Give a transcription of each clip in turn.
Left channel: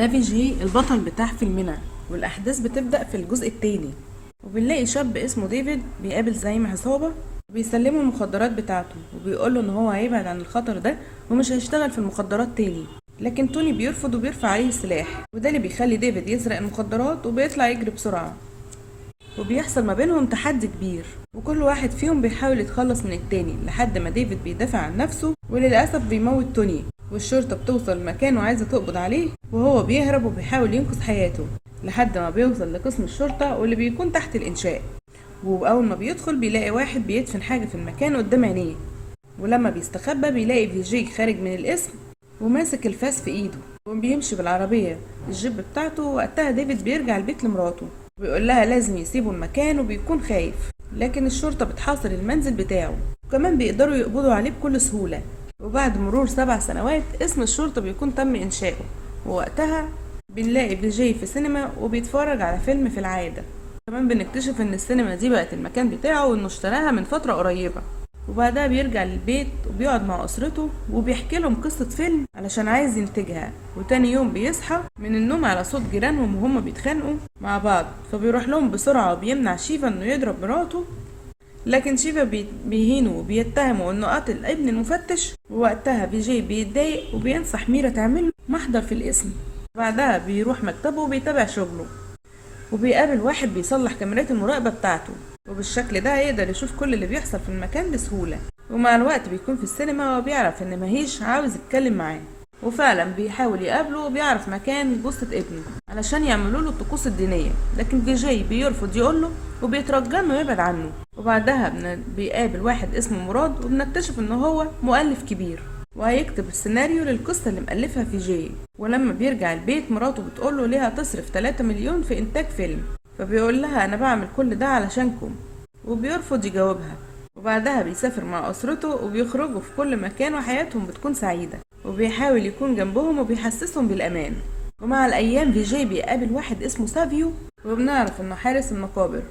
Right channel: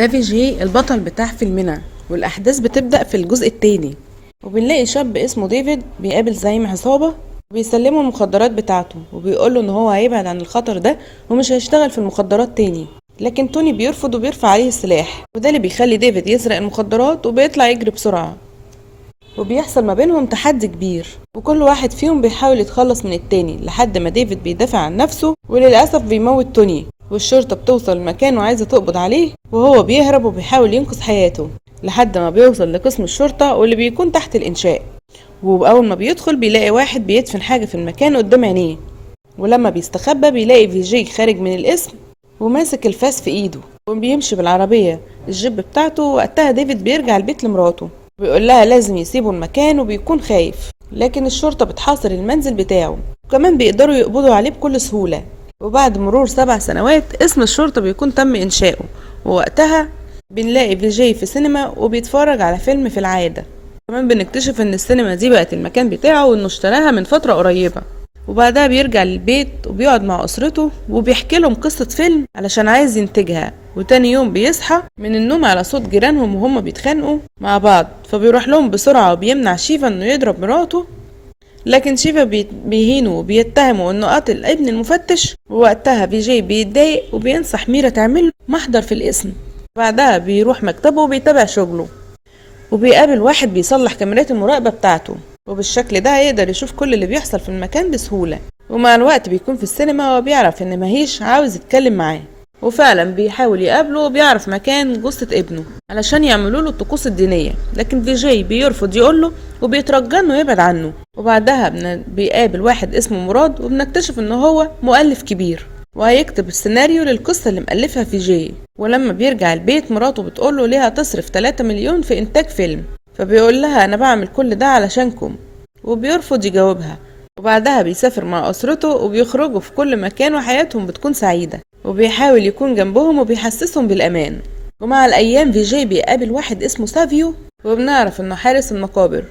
ده فيجي البطل بتاع فيلمنا، والأحداث بتبدأ في الجزء التاني. وبنلاقي شاب اسمه ديفيد بيقابل زعيم عصابة وبيسلمه المخدرات بتاعته، وبيقوله ان هو هيبعد عن الخطر ده ومش هيشتغل في المخدرات تاني. لكن توني بيرفض وبيرفع عليه السلاح، وده اللي بيخلي ديفيد يسرق المخدرات وبيطلع يجري بسرعة. وبيحصل ما بينهم تحدي كبير، وكل واحد فيهم بيحاول يتخلص من التاني لحد ما ديفيد بيدافع عن نفسه وللأسف بيموت توني. والشرطة بتوصل المكان وعايزة تقبض عليه، وهو بيهرب وبيحاول ينقذ حياته لحد ما بيوصل لقسم الشرطة واللي بيكون تحت الإنشاء. وأول ما بيدخل بيلاقي واحد بيدفن حاجة في المكان قدام عينيه، ولما بيستخبى بيلاقي فيجي خارج من القسم وماسك الفاس في ايده وبيمشي بالعربية الجيب بتاعته. وقتها ديفيد بيرجع البيت لمراته وبيقول لها لازم يسيبوا المكان وبيكون خايف، لكن الشرطة بتحاصر المنزل بتاعه وكمان بيقدروا يقبضوا عليه بكل سهولة. وبعد مرور 7 سنوات اسم الشرطة بيكون تم إنشاؤه، ووقتها بنلاقي فيجي في سينما وبيتفرج على فيلم في العادة. كمان بنكتشف ان السينما دي بقت المكان بتاعه وانه اشتراها من فترة قريبة. وبعدها بيرجع للبيت وبيقعد مع أسرته وبيحكي لهم قصة فيلم علشان عايز ينتجها. وتاني يوم بيصحى من النوم على صوت جيرانهم وهم بيتخانقوا مع بعض، فبيروح لهم بسرعة وبيمنع شيفا انه يضرب مراته. لكن شيفا بيهينه وبيتهمه انه قتل ابن المفتش. ووقتها فيجي بيتضايق وبينصح ميرا تعمل محضر في الاسم. بعدها بيروح مكتبه وبيتابع شغله، وبيقابل واحد بيصلح كاميرات المراقبة بتاعته، وبالشكل ده هيقدر يشوف كل اللي بيحصل في المكان بسهولة. ومع الوقت بيكون في السينما وبيعرف ان ماهيش عاوز يتكلم معاه، وفعلا بيحاول يقابله وبيعرف مكان جثة ابنه علشان يعملوا له الطقوس الدينية. لكن فيجي بيرفض يقوله وبيترجى انه يبعد عنه. وبعدها بيقابل واحد اسمه مراد وبنكتشف ان هو مؤلف كبير وهيكتب السيناريو للقصة اللي مألفها فيجي. ولما بيرجع البيت مراته بتقوله ليها تصرف 3 مليون في إنتاج فيلم، فبيقول لها أنا بعمل كل ده علشانكم، وبيرفض يجاوبها. وبعدها بيسافر مع أسرته وبيخرجوا في كل مكان وحياتهم بتكون سعيدة، وبيحاول يكون جنبهم وبيحسسهم بالأمان. ومع الأيام فيجي بيقابل واحد اسمه سافيو، وبنعرف إنه حارس المقابر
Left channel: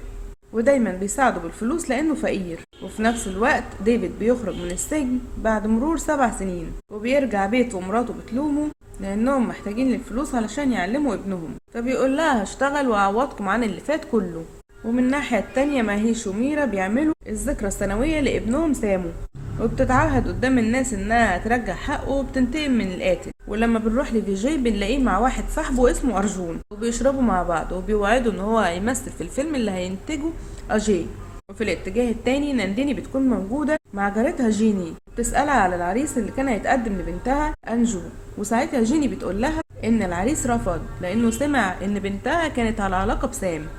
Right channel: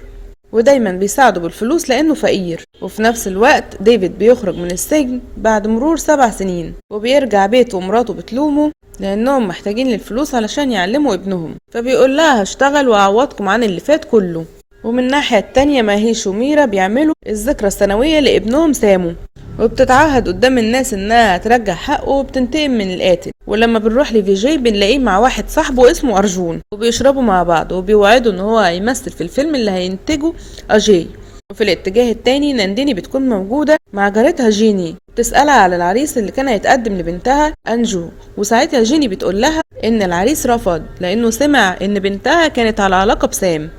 ودايما بيساعده بالفلوس لأنه فقير. وفي نفس الوقت ديفيد بيخرج من السجن بعد مرور 7 سنين، وبيرجع بيته ومراته بتلومه لأنهم محتاجين للفلوس علشان يعلموا ابنهم، فبيقول لها هشتغل وأعوضكم عن اللي فات كله. ومن الناحية التانية ماهيش وميرا بيعملوا الذكرى السنوية لابنهم سامو، وبتتعهد قدام الناس انها هترجع حقه وبتنتقم من القاتل. ولما بنروح لفيجي بنلاقيه مع واحد صاحبه اسمه أرجون، وبيشربوا مع بعض وبيوعدوا ان هو هيمثل في الفيلم اللي هينتجه أجي. وفي الاتجاه التاني نانديني بتكون موجودة مع جارتها جيني، بتسألها على العريس اللي كان هيتقدم لبنتها أنجو. وساعتها جيني بتقول لها ان العريس رفض لانه سمع ان بنتها كانت على علاقة بسام.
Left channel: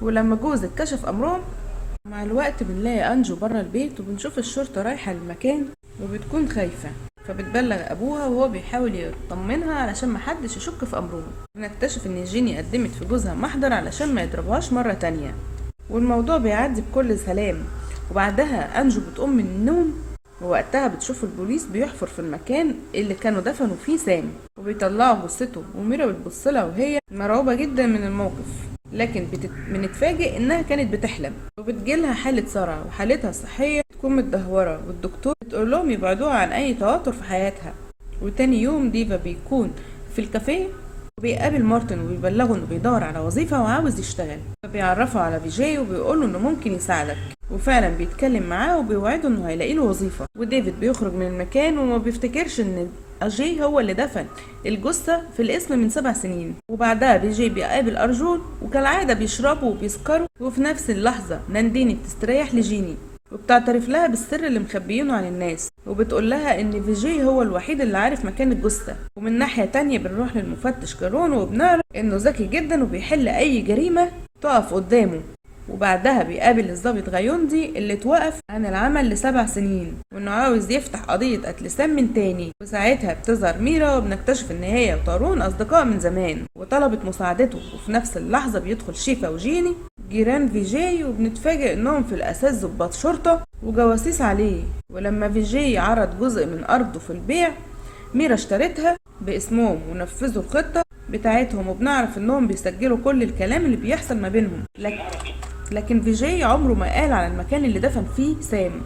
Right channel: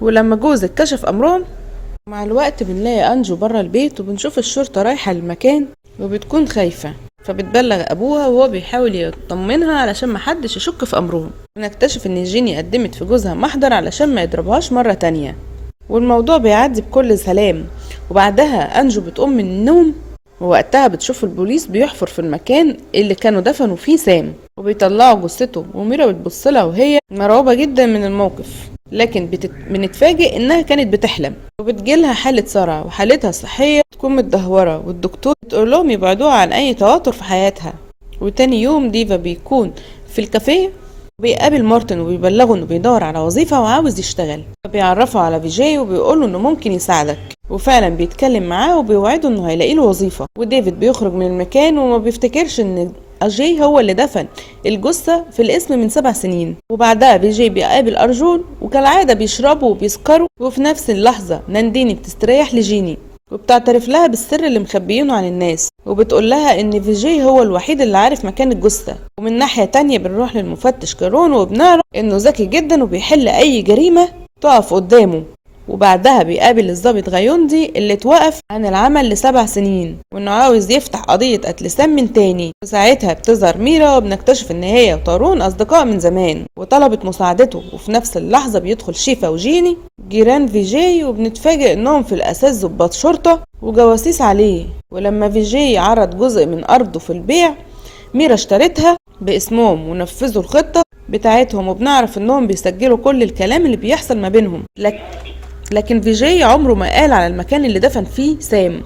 ولما جوزك كشف امرهم مع الوقت بنلاقي أنجو برا البيت، وبنشوف الشرطة رايحة للمكان وبتكون خايفة، فبتبلغ أبوها وهو بيحاول يطمنها علشان محدش يشك في أمرهم. بنكتشف إن جيني قدمت في جوزها محضر علشان ما يضربهاش مرة تانية، والموضوع بيعدي بكل سلام. وبعدها أنجو بتقوم من النوم، ووقتها بتشوف البوليس بيحفر في المكان اللي كانوا دفنوا فيه سام وبيطلعوا جثته. وميرا بتبصلها وهي مرعوبة جدا من الموقف، لكن بنتفاجئ انها كانت بتحلم. وبتجيلها حالة صرع وحالتها الصحية تكون متدهورة، والدكتور بتقول لهم يبعدوها عن اي توتر في حياتها. وتاني يوم ديفا بيكون في الكافيه وبيقابل مارتن وبيبلغه انه بيدور على وظيفة وعاوز يشتغل، فبيعرفه على فيجي وبيقوله انه ممكن يساعدك. وفعلا بيتكلم معاه وبيوعده انه هيلاقي له وظيفة. وديفيد بيخرج من المكان وما بيفتكرش ان أجي هو اللي دفن الجثة في الاسم من 7 سنين. وبعدها بيجي بيقابل أرجون، وكالعادة بيشربوا وبيسكروا. وفي نفس اللحظة نانديني بتستريح لجيني وبتعترف لها بالسر اللي مخبيينه عن الناس، وبتقول لها ان فيجي هو الوحيد اللي عارف مكان الجثة. ومن ناحية تانية بنروح للمفتش كارون وبنعرف انه ذكي جدا وبيحل اي جريمة تقف قدامه. وبعدها بيقابل الضابط غيوندي اللي اتوقف عن العمل ل7 سنين وانه عاوز يفتح قضية قتل سام من تاني. وساعتها بتظهر ميرا وبنكتشف ان هي وطارون اصدقاء من زمان وطلبت مساعدته. وفي نفس اللحظة بيدخل شيفا وجيني جيران فيجي، وبنتفاجئ انهم في الاساس ضباط شرطة وجواسيس عليه. ولما فيجي عرض جزء من ارضه في البيع ميرا اشترتها باسمهم ونفذوا الخطة بتاعتهم. وبنعرف انهم بيسجلوا كل الكلام اللي بيحصل ما بينهم، لكن فيجي عمره ما قال على المكان اللي دفن فيه سام.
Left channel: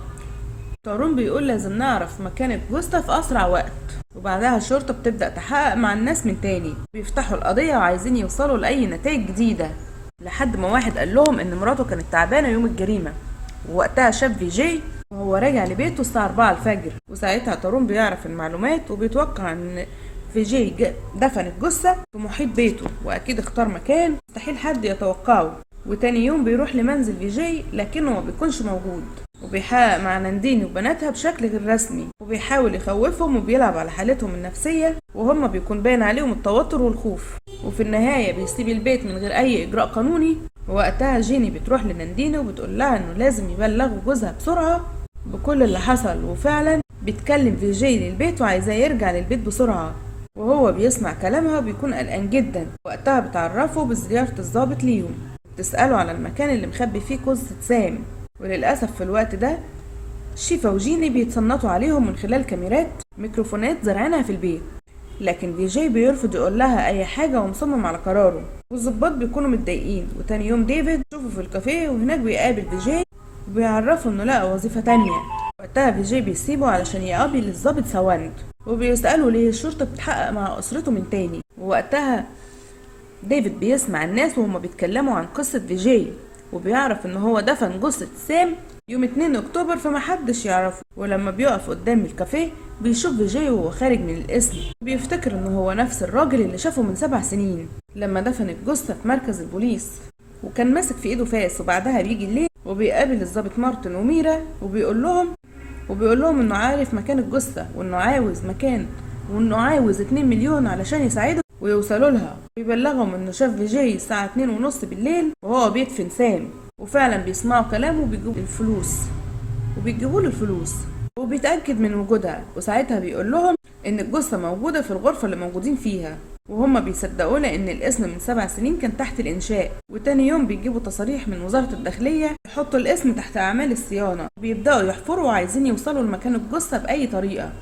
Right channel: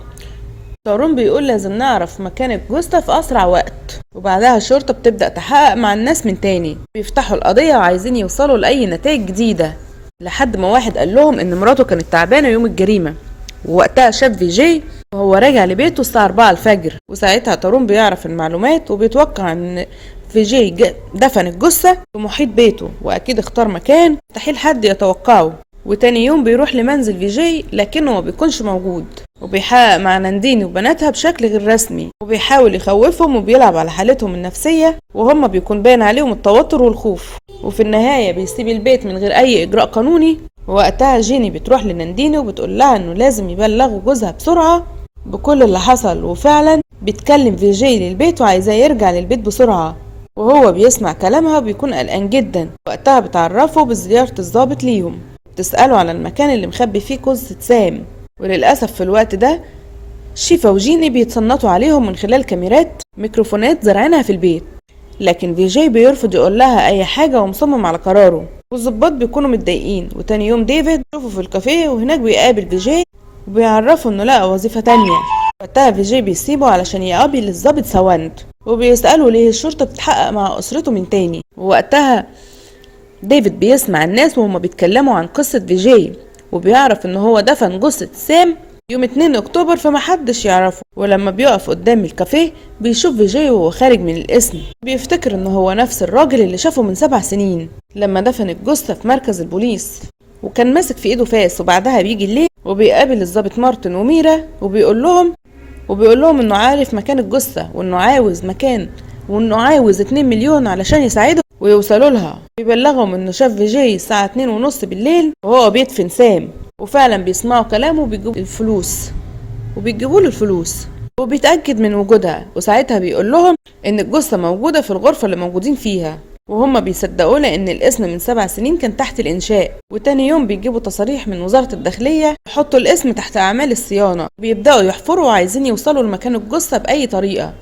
تارون بيقول لازم نعرف مكان الجثة في أسرع وقت، وبعدها الشرطة بتبدأ تحقق مع الناس من تاني، بيفتحوا القضية وعايزين يوصلوا لأي نتائج جديدة، لحد ما واحد قال لهم إن مراته كانت تعبانة يوم الجريمة، ووقتها شاف فيجي وهو راجع لبيته الساعة 4 الفجر، وساعتها تارون بيعرف المعلومات وبيتوقع إن فيجي دفن الجثة في محيط بيته، وأكيد اختار مكان مستحيل حد يتوقعه. وتاني يوم بيروح لمنزل فيجي لكنه ما بيكونش موجود، وبيحقق مع نانديني وبناتها بشكل غير رسمي، وبيحاول يخوفهم وبيلعب على حالتهم النفسية، وهم بيكون باين عليهم التوتر والخوف. وفي النهاية بيسيب البيت من غير أي إجراء قانوني. ووقتها جيني بتروح لنانديني وبتقول لها إنه لازم يبلغوا جوزها بسرعة بكل اللي حصل، وفعلا بيتكلم فيجي للبيت وعايزاه يرجع للبيت بسرعة، وهو بيسمع كلامها وبيكون قلقان جدا. وقتها بتعرفه بزيارة الضابط ليهم، بتسأله على المكان اللي مخبي فيه جثة سام. وللأسف في الوقت ده شيفا وجيني بيتصنتوا عليهم من خلال كاميرات ميكروفونات زرعينها في البيت، لكن فيجي بيرفض يقول لها أي حاجة ومصمم على قراره، والضباط بيكونوا متضايقين. وتاني يوم ديفيد شوفه في الكافيه وهناك بيقابل فيجي وبيعرفه إنه لقى وظيفة تانية. وقتها فيجي بيسيبه علشان يقابل الضابط سواند، وبيسأله ليه الشرطة بتحقق مع أسرته من تاني. ووقتها ديفيد بيسمع الناس وهما بيتكلموا عن قصة فيجي، وبيعرف ان هو دفن جثة سام يوم 2 اكتوبر فمحدش يعرفه. ولما بيقف قدام الكافيه بيشوف فيجي وهو خارج من القسم، بيفتكر ان هو نفس الراجل اللي شافه من 7 سنين لما دفن الجثة في مركز البوليس، وكان ماسك في ايده فاس. وبعدها بيجي الليل وبيقابل الضابط مارتن وميرا، وبيقول لهم انه عارف مكان الجثة وانه عاوز 2 مليون علشان يساعده ويوصلوا لها. بيبلغهم انه شاف فيجي الساعة 2:30 بالليل وهو بيدفن سام، وفعلا بيسمعوا كلامه وبيجيبوا له الفلوس وبيتأكد من وجودها. وساعتها بيقول لهم ان الجثة موجودة في الغرفة اللي موجودين فيها، وهم بيصدقوا لان الاسم من 7 سنين كان تحت الانشاء. وتاني يوم بيجيبوا تصاريح من وزارة الداخلية يحطوا الاسم تحت اعمال الصيانة، بيبدأوا يحفروا وعايزين يوصلوا لمكان الجثة بأي طريقة،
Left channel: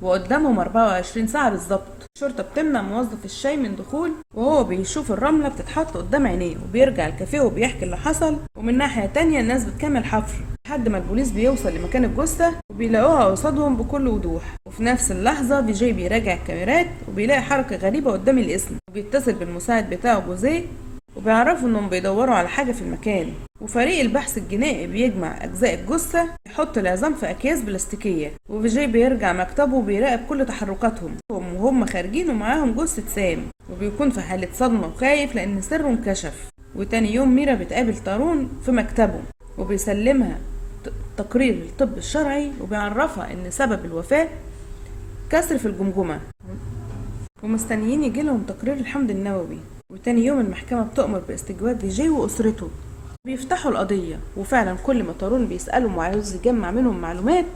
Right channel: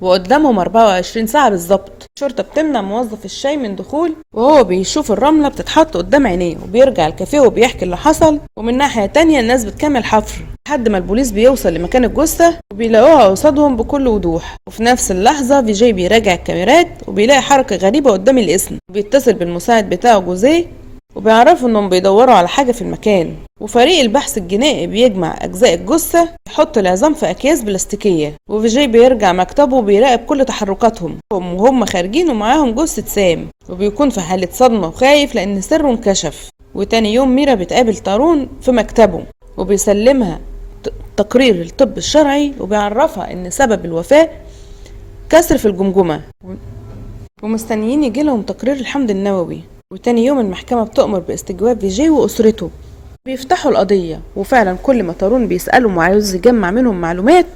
وقدامهم 24 ساعة بالظبط. الشرطة بتمنع موظف الشاي من دخول، وهو بيشوف الرملة بتتحط قدام عينيه، وبيرجع الكافيه وبيحكي اللي حصل. ومن ناحية تانية الناس بتكمل حفر لحد ما البوليس بيوصل لمكان الجثة وبيلاقوها قصادهم بكل وضوح. وفي نفس اللحظة فيجي بيراجع الكاميرات وبيلاقي حركة غريبة قدام الاسم، وبيتصل بالمساعد بتاعه جوزيه وبيعرفوا انهم بيدوروا على حاجة في المكان. وفريق البحث الجنائي بيجمع اجزاء الجثة، يحط العظام في اكياس بلاستيكية، وفيجي بيرجع مكتبه وبيراقب كل تحركاتهم وهم خارجين ومعاهم جثة سام، وبيكون في حالة صدمة وخايف لان سره انكشف. وتاني يوم ميرا بتقابل تارون في مكتبه وبيسلمها تقرير الطب الشرعي، وبيعرفها ان سبب الوفاة كسر في الجمجمة، ومستنيين يجيلهم تقرير الحمض النووي. وتاني يوم المحكمة بتؤمر باستجواب فيجي وأسرته، بيفتحوا القضية. وفعلا كل ما تارون بيسألهم وعاوز يجمع منهم معلومات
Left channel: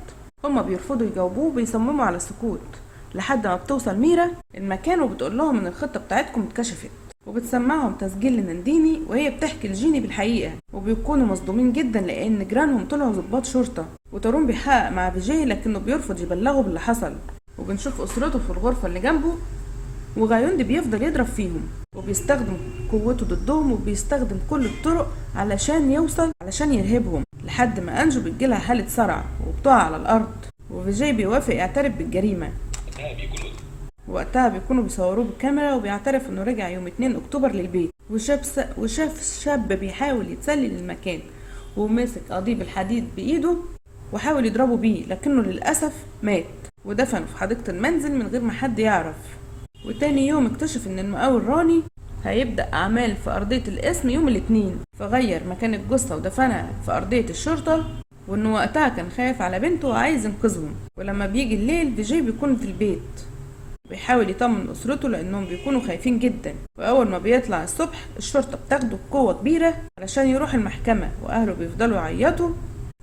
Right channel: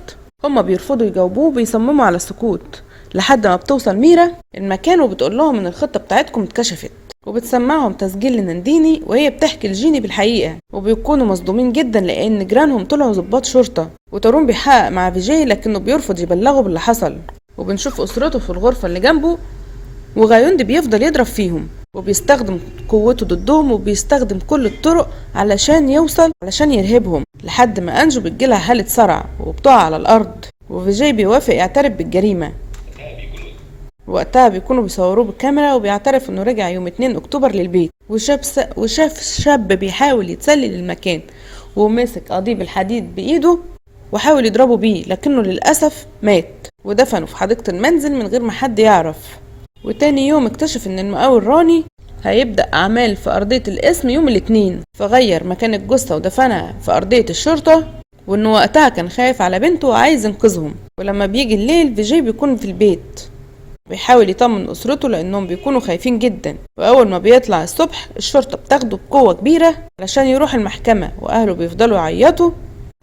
هما بيرفضوا يجاوبوه وبيصمموا على السكوت، لحد ما بتوصل ميرا المكان وبتقول لهم ان الخطة بتاعتكم اتكشفت، وبتسمعهم تسجيل لنانديني وهي بتحكي لجيني بالحقيقة، وبيكونوا مصدومين جدا لان جيرانهم طلعوا ضباط شرطة. وتارون بيحقق مع فيجي لكنه بيرفض يبلغه باللي حصل. وبنشوف أسرته في الغرفة اللي جنبه، وغايوندي بيفضل يضرب فيهم وبيستخدم قوته ضدهم، وبيستخدم كل الطرق علشان يرهبهم، لحد ما أنجو بتجيلها حالة صرع وبتقع على الأرض. وفيجي بيوافق يعترف بالجريمة. وقتها بيكونوا بيصوروه بالكاميرا وبيعترف انه رجع يوم 2 اكتوبر للبيت، وشاف شاب بيحاول يتسلل للمكان ومسك قضيب الحديد بايده وحاول يضربه بيه، لكنه للأسف مات ودفنه في حديقة المنزل من غير ما حد يعرف. وتاني يوم اكتشف ان المقاول راني هيبدأ أعمال في أرضية القسم يوم الاثنين، فغير مكان الجثة ودفنها في أرضية الشرطة، وانه وقتها كان خايف على بنته وعايز ينقذهم. ولما بيجي الليل فيجي بيكون في البيت بيحاول يطمن أسرته لأنهم بيكونوا خايفين جدا. وأول ما بيطلع الصبح الشرطة بتاخده بقوة كبيرة علشان يروح المحكمة، وأهله بيفضلوا يعيطوا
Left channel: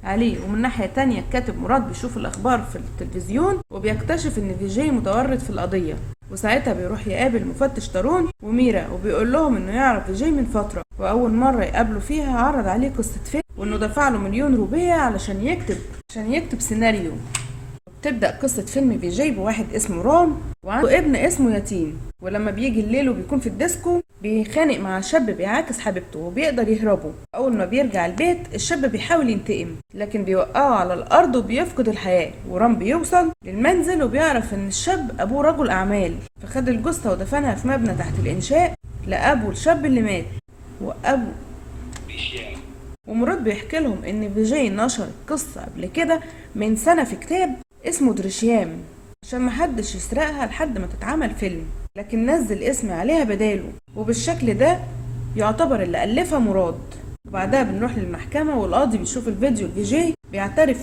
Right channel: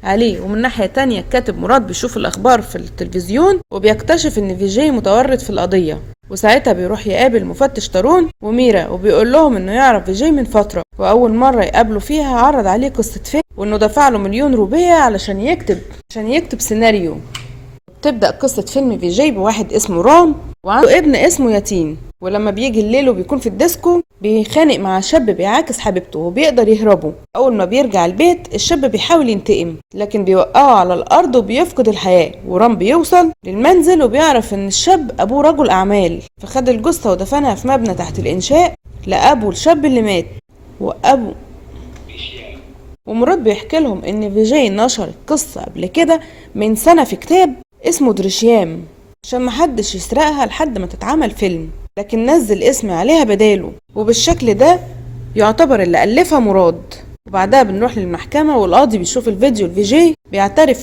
عليه. ومن ناحية تانية الكاتب مراد بيشوف الأخبار في التلفزيون وبيكتشف إن فيجي متورط في القضية، وساعتها بيروح يقابل مفتش تارون وميرا وبيقول لهم إنه يعرف فيجي من فترة، وأول مرة يقابله فيها عرض عليه قصة فيلم وإنه دفع له 1,000,000 روبية علشان يكتب سيناريو. تبدأ قصة فيلم فيجي بواحد اسمه رام وعنده ابن اسمه يتين، ولما بيجي الليل وبيكون في الديسكو بيخانق مع شاب بيعاكس حبيبته وبيقدر يهربه. أول ما بيرجع البيت الشاب بيحاول ينتقم لكن بيوقعه على الأرض وبيفقد الحياة، ورام بيوصل للمنزل وبيعرف إن الشاب أبوه رجل أعمال، فخد الجثة ودفنها في مبنى تحت الإنشاء لأبو الشاب اللي مات. ومراد بيحكي لهم إن فيجي نشر القصة قبل كده من سنة في كتاب اسمه دريشيام عشان محدش يسرقها لحد ما تتعمل فيلم، لكن نزل اسم عليها بداله، وبالشكل ده يعتبر اللي ألفها مراد. وبعدها بنروح للمحكمة والقاضي بيشوف الفيديو الفيجي بيعترف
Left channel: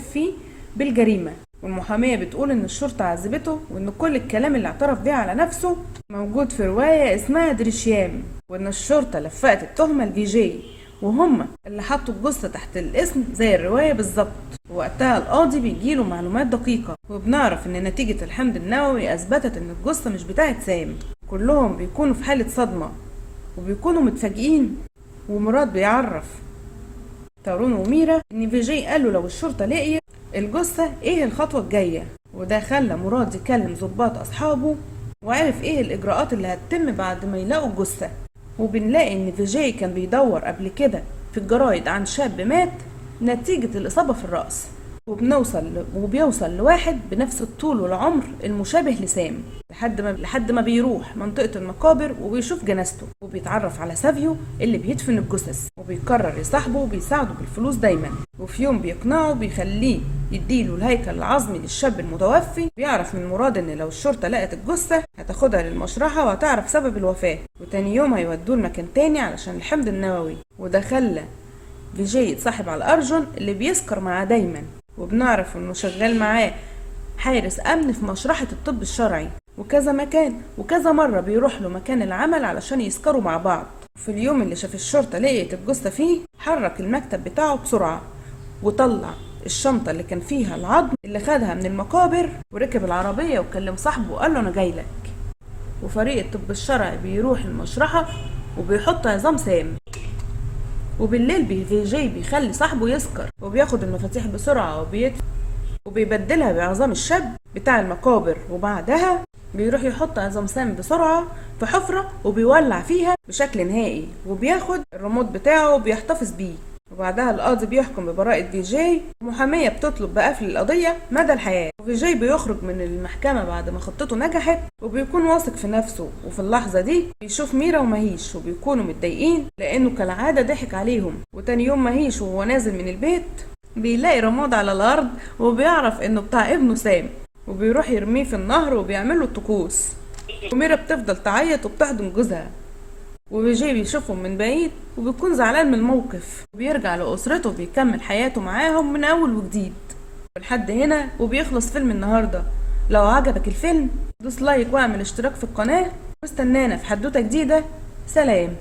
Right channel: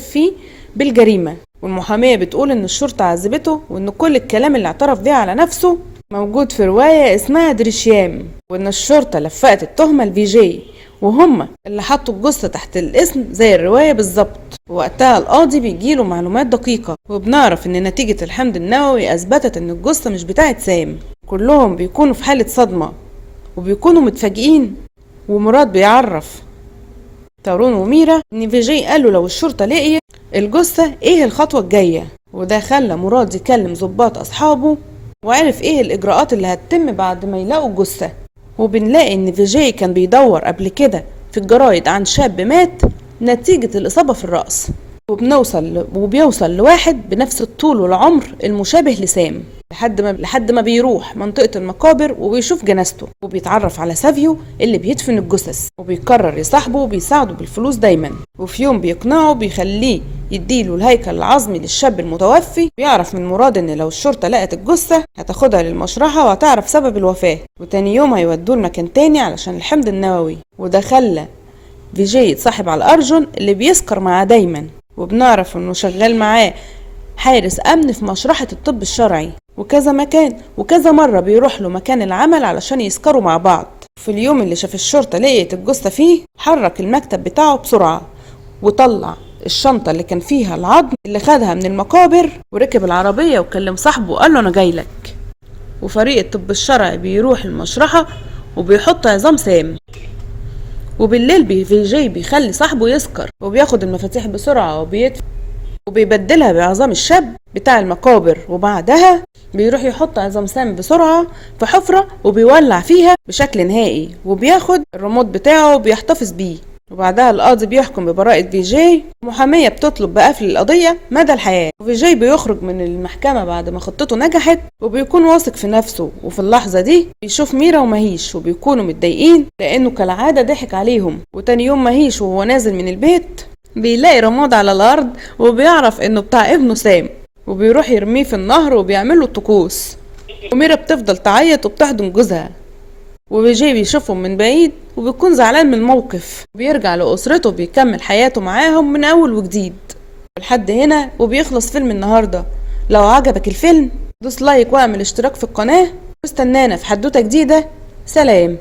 فيه بالجريمة، والمحامية بتقول إن الشرطة عذبته وإن كل الكلام اللي اعترف بيه على نفسه موجود في رواية اسمها دريشيام، وإن الشرطة لفقت التهمة لفيجي وهم اللي حطوا الجثة تحت الاسم زي الرواية بالظبط. ووقتها القاضي بيجيله معلومات دقيقة، وبنعرف إن نتيجة الحمض النووي أثبتت إن الجثة مش بتاعت سام. كلهم بيكونوا في حالة صدمة وبيكونوا متفاجئين، ومراد بيعرف تارون وميرا إن فيجي قالوا لو الشرطة لقيت الجثة إيه الخطوة الجاية، وده خلى مراد يكلم ضباط أصحابه وعرف إيه الإجراءات اللي هتتم بعد ما يلاقوا الجثة. وبنلاقي إن فيجي كان بيدور قبل كده في الجرايد عن شاب مات نتيجة الإصابة في الرأس، وبيوصل لواحد بنفس الطول والعمر المشابه لسام لحد ما بيروح منطقة المقابر وبيشوف جنازته وبيتعرف على سافيو اللي بيدفن الجثث، وبيقرر يصاحبه وبيساعده بالفلوس دايما. وفي يوم بيقنعه بيخليه يديله الهيكل العظمي للشاب المتوفي. بيعرف من مراد ان لو الشرطة لقت الجثة هتاخدها للمشرحة وهتعرف سبب الوفاة، وتاني يوم هيودوه لمكان تاني علشان الحمض النووي. وده خلى فيجي يتصاحب على أرجون اللي بيسكر معاه دايما، وبنعرف انه شغال معاه حارس امن في مشرحة الطب الشرعي، وكذا مرة بيروح له مكان العمل علشان يسكروا مع بعض. في اليوم اللي شاف الشرطة لقيت الجثة فيه حرك المكتب بتاعه بسرعة وطلع الشنطة اللي كان فيها العظم اللي خدها من المقابر، وركب العربية وكلم صاحبه وقال له انا جايلك. وفريق الطب الشرعي بيروح المشرحة وبيحط عظام سام، وبالليل فيجي بيخلي صاحبه يسكر وبياخد المفاتيح بسرعة وبيبدلها بعظام الشاب بتاع المقابر، وبعدها بيروح يحط عظام سام بسرعة في حفرة وبيولع فيها بشكل نهائي، وبياخد الريموت بتاعه وبيحتفظ بيه. وبعدها القاضي بيحكم ببراءة فيجي، المحامية بتطلب بقفل القضية مدى الحياة. وفيجي بيخرج من المحكمة بعد ما خطته نجحت وبيكون واثق في نفسه. وفي اللحظة دي بيشوف ميرا ومهيش وبيكونوا متضايقين لأنه كالعادة ضحك عليهم. وتاني يوم مهيش وهو نازل من البيت بيلاقي رماد على الأرض وبيعرف إنه بتاع ابنه سام، وبيروح يرميه في النهر وبيعمله الطقوس. وميرا بتفضل تعيط وبتحضن جوزها، وفيجي بيشوفهم من بعيد وبيكون زعلان من الموقف، وبيرجع لأسرته بيكمل حياته معاهم من أول وجديد. لحد هنا وبيخلص فيلم النهاردة. لو عجبك الفيلم دوس لايك واعمل اشتراك في القناة واستنانا في حدوتة جديدة. سلام.